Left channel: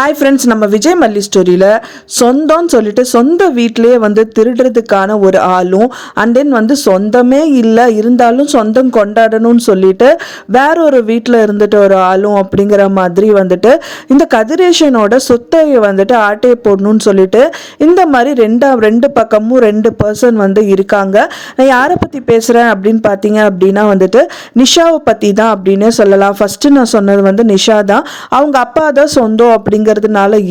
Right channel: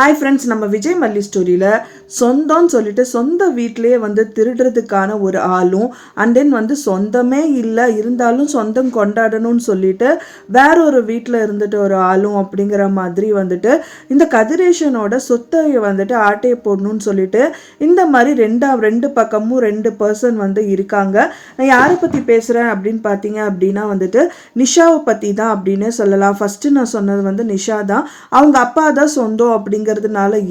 Hi friends, நம்ம விஜய் மல்லி ஸ்டோரியில் சொந்தம்னு சொல்லிட்டு சொந்த வீட்டிலேயே வந்து திருடுறதுக்கான ஒரு ஆளும் அண்ட் தென் வந்து சொந்தமே இல்லை இருந்தாலும் சொந்தம் கொண்டாடணும்னு சொல்லிட்டு வேற ஒரு வீட்டில் இருந்துட்டு ஒரு ஆளும் அப்படிங்கிற மாதிரி வந்துட்டு இந்த கதிரேஷனோட சொத்தை வந்துட்டு ஆட்டையை போடணும்னு சொல்லிட்டு இந்த மாதிரி ரெண்டு பக்கமும் ரெண்டு பர்சன் வந்து இருக்காங்க. நான் யாரை பற்றி பேசுகிறேன் அப்படின்னு பார்த்தீங்க அப்படின்னா வந்துட்டு நிஷாவை பற்றி தான் அப்படின்னே சொல்லலாம். ஃபஸ்ட்டு நான் சொன்னது வந்து நிஷா தான். அவங்க அப்பா தான் சொந்தம் அப்படிங்கிறதுனால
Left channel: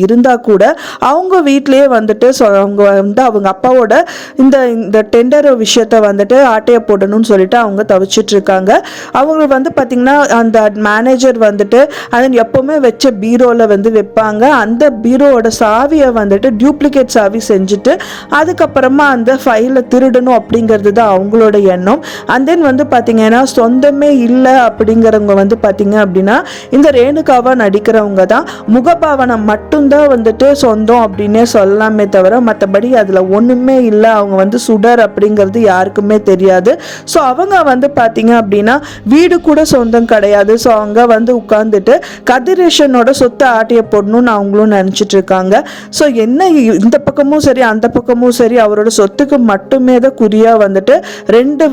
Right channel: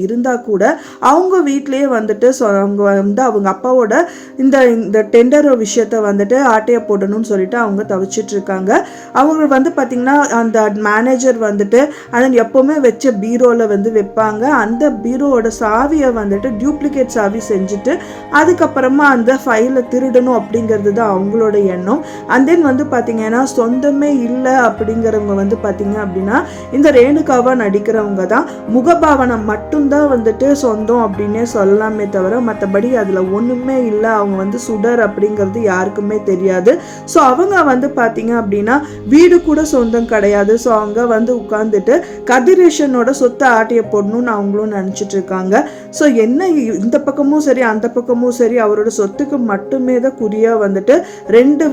இருந்தா கூட அவங்க வீட்டிலேயே வந்துட்டு அவங்க வந்து அவங்க அப்பாவோட இந்த டெண்டர் விஷயத்த வந்துட்டு ஆட்டையை போடணும்னு சொல்லிட்டு அவங்க தவிச்சிட்டு இருக்காங்க. அவங்க வந்து பார்த்தீங்கன்னா அந்த மேனேஜர் வந்துட்டு அதன் எப்பவுமே வச்ச பீரோவில் வந்து வைப்பாங்க. அந்த பீரோவோட சாவியை வந்துட்டு டூப்ளிகேட் சாவி செஞ்சுட்டு அதுக்கப்புறமா அந்த ஃபைலை திருடணும் அப்படிங்கிறது தான் அவங்களோட எண்ணம். அண்ட் தென் வந்து பார்த்தீங்கன்னா சொந்தமே இல்லை அப்படிங்கிறவங்க வந்து பார்த்தீங்க அப்படின்னா இந்த ரேணுகாவா நடிக்கிறவங்க தான். முகபாவனை மட்டும்தான் வந்துட்டு சொந்தம் அப்படின்னே சொல்லலாமே தவிர மற்றபடி அதில் ஒன்றுமே இல்லை. அவங்க வந்து சுடர் அப்படிங்கிறது யாருக்குமே தெரியாது. ஸோ அவங்க வந்து பார்த்தீங்க அப்படின்னா வீடு கூட சொந்தம் கிடையாது. ஸோ அவங்க வந்து உட்காந்துட்டு கதிரேஷனோட சொத்தை ஆட்டிய போடணும்னு அவங்களும் நினச்சிட்டு இருக்காங்க. ஸோ என்ன இந்த பக்கமும் சரி அந்த பக்கமும் சரி அவரோட சொத்துக்கு மட்டுமே தான் குறியாக வந்துட்டு ரெண்டு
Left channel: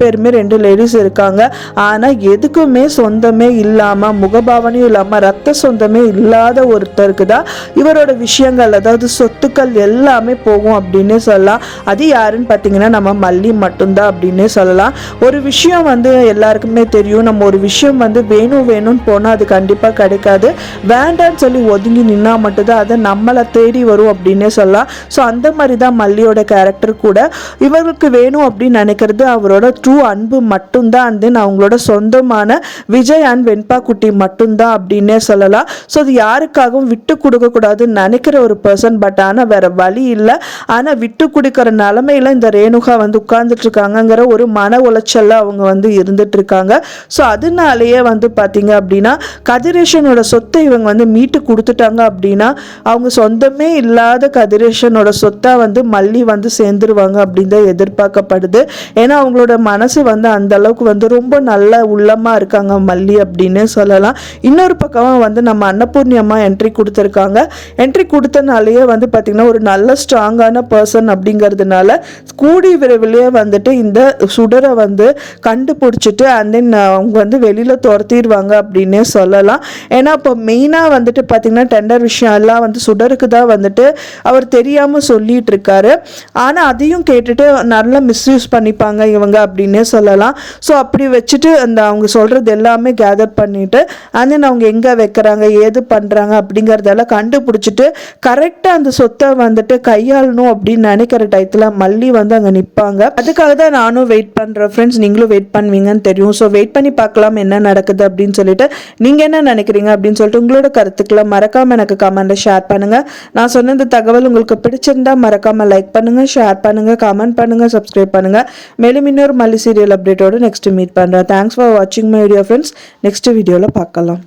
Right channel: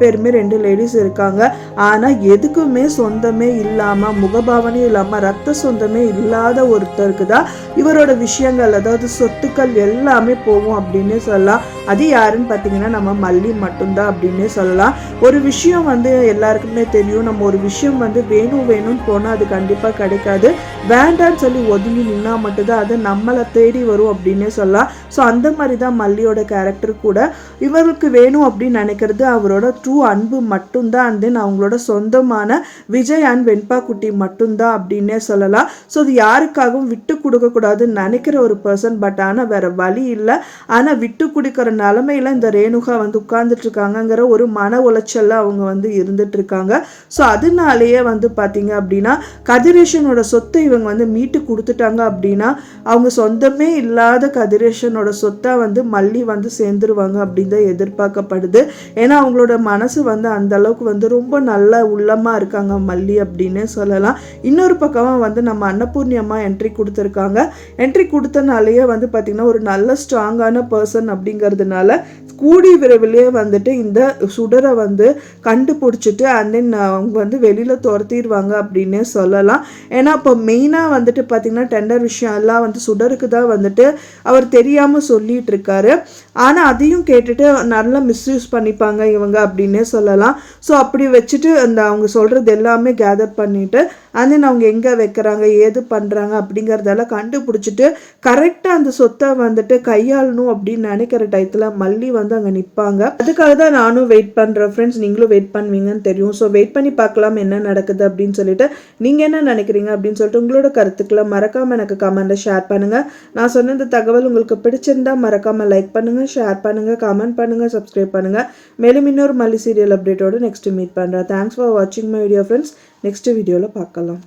பேருமே ரெண்டு லேடிஸ் இருக்காங்க. ஆனால் எதுக்குமே சொந்தமே இல்லாமல் முகபாவனையும் இல்லாமல் ரத்த சொந்தமே இல்லாத ஒருத்தருக்கு தான் இவரோட விஷயங்கள் அதாவது சொத்துக்கள் எல்லாமே போகும் அப்படின்னு சொல்லலாம். அது யாருன்னு பார்த்தீங்கன்னா நம்ம மல்லி மட்டும்தான் அப்படின்னு சொல்லலாம். ஒரு விஷயம் வந்து எல்லாருக்குமே தெரியும். நம்ம ஒரு விஷயம் வந்து வேணும்னு போனால் அது கண்டிப்பாக கிடைக்காது. வேண்டான்னு சொல்லி ஒதுங்கி நின்னா மட்டும்தான் அதை நம்மளை தேடி வரும் அப்படின்னே சொல்லலாம். ஸோ அந்த மாதிரி தான் மல்லியோட கேரக்டர் கூட. இவருக்கு வேணும் அப்படின்னு நினைக்கிறது அவரோட ட்ரூ அன்பு மட்டும்தான். அண்ட் தென் அவங்களோட சொந்தமான விஜய் அண்ட் வெண்பா குட்டி மட்டும்தான் அப்படின்னே சொல்லலாம். ஸோ அது யாருக்காகவும் விட்டு கொடுக்க கூடாதுன்னு நினைக்கிற ஒரு பர்சன். பட் ஆனால் வேற வழி இல்லை. ஆனால் விட்டு கொடுக்கிற நிலைமையில இந்த ரேணுகா வந்து உட்கார்ந்துட்டு இருக்காங்கிற ஒரு மன உளைச்சல்ல அவங்க வந்து இருந்துட்டு இருக்காங்க. ஸோ அதனாலேயே வந்து பார்த்தீங்க அப்படின்னா கதிரேஷனோட சொத்தை இவங்க வந்து மீட்டு கொடுத்துட்டாங்க அப்படின்னா அவங்க சொந்தமே இல்லாத கதிரேஷனோட சொத்தை வந்து மல்லி வந்து சேர்ந்துருவாங்க அப்படின்னு தான் எதிர்பார்க்கப்படுது. ஏன்னா அவங்களோட மனசு வந்து அந்த அளவுக்கு வந்து ரொம்ப நல்ல உள்ளமா இருக்காங்க மல்லி அப்படின்னு சொல்லலாம். இன்னொரு பக்கமா வந்து நம்ம அன்னபூர்ணி அம்மா என்ட்ரி கொடுத்துருக்காங்க. என்ட்ரி கொடுத்தனாலேயே வந்து பார்த்தீங்கன்னா ஒரு நல்ல ஸ்ட்ராங்கான பர்சன் அப்படிங்கிறதுனால கூடி விரைவிலேயே வந்துட்டு இந்த சுடரை வந்து கண்டுபிடிச்சிட்டு அண்ட் தென் அவங்க வந்து வெளியில் துரத்திடுவாங்க அப்படின்னே சொல்லலாம். ஏன்னா இப்போ மெயினாக வந்துட்டு பார்த்தீங்கன்னா டெண்டர் விஷயம் எல்லாம் வந்து சுடருக்கு தான் வந்துட்டு அவர் தெரியாமல் சொல்லிட்டு இருக்காரு. ஆனால் அதையும் கேட்டுட்டு நல்லா மிஸ்யூஸ் பண்ணிப்பாங்க இவங்க அப்படின்னே சொல்லலாம். ஸோ அப்படி வச்சுட்டு அந்த அவங்க சொல்கிறது எல்லாமே கேதர் பண்ணிட்டு அண்ட் தென் அவங்க எங்கே வைக்கிறாங்க ஏது பண்ணுறாங்க அப்படிங்கிறதெல்லாம் கண்டுபிடிச்சிட்டு கரெக்டாக அந்த சொத்தை வந்துட்டு கையாளணும் அப்படின்னு நினைக்கிற டயத்தில் மல்லி வந்து அங்கே நிற்பாங்க. அதுக்காக தான் நானும் வெயிட் பண்ணுறேன் ஃப்ரெண்ட்ஸ். நீங்களும் வெயிட் பண்ணுவீங்கன்னு தெரியும். ஸோ வெயிட் பண்ணி பார்க்கலாம் என்ன நடக்குது அப்படின்னு சொல்லிட்டு. நீங்கள் என்ன நினைக்கிறீங்க அப்படின்னு சொல்லிட்டு உங்களோட கருத்துக்களை மறக்காமல் எனக்கு கமெண்ட்ல ஷேர் பண்ணுங்கள். நான் சொன்ன இந்த தகவல் உங்களுக்கு பிடிச்சிருந்தா மறக்காமல் லைக் பண்ணுங்கள், ஷேர் பண்ணுங்கள், கமெண்ட் பண்ணுங்கள், சப்ஸ்கிரைப் பண்ணுங்கள். மேலும் இன்னொரு மல்லி சீரியல் அப்டேட்டோடு நெக்ஸ்ட் மீட் பண்ணுறேன். தேங்க்ஸ் ஃபார் வாட்சிங் மை வீடியோ ஃப்ரெண்ட்ஸ். நெக்ஸ்ட் வீடியோவில் பார்க்கலாம்.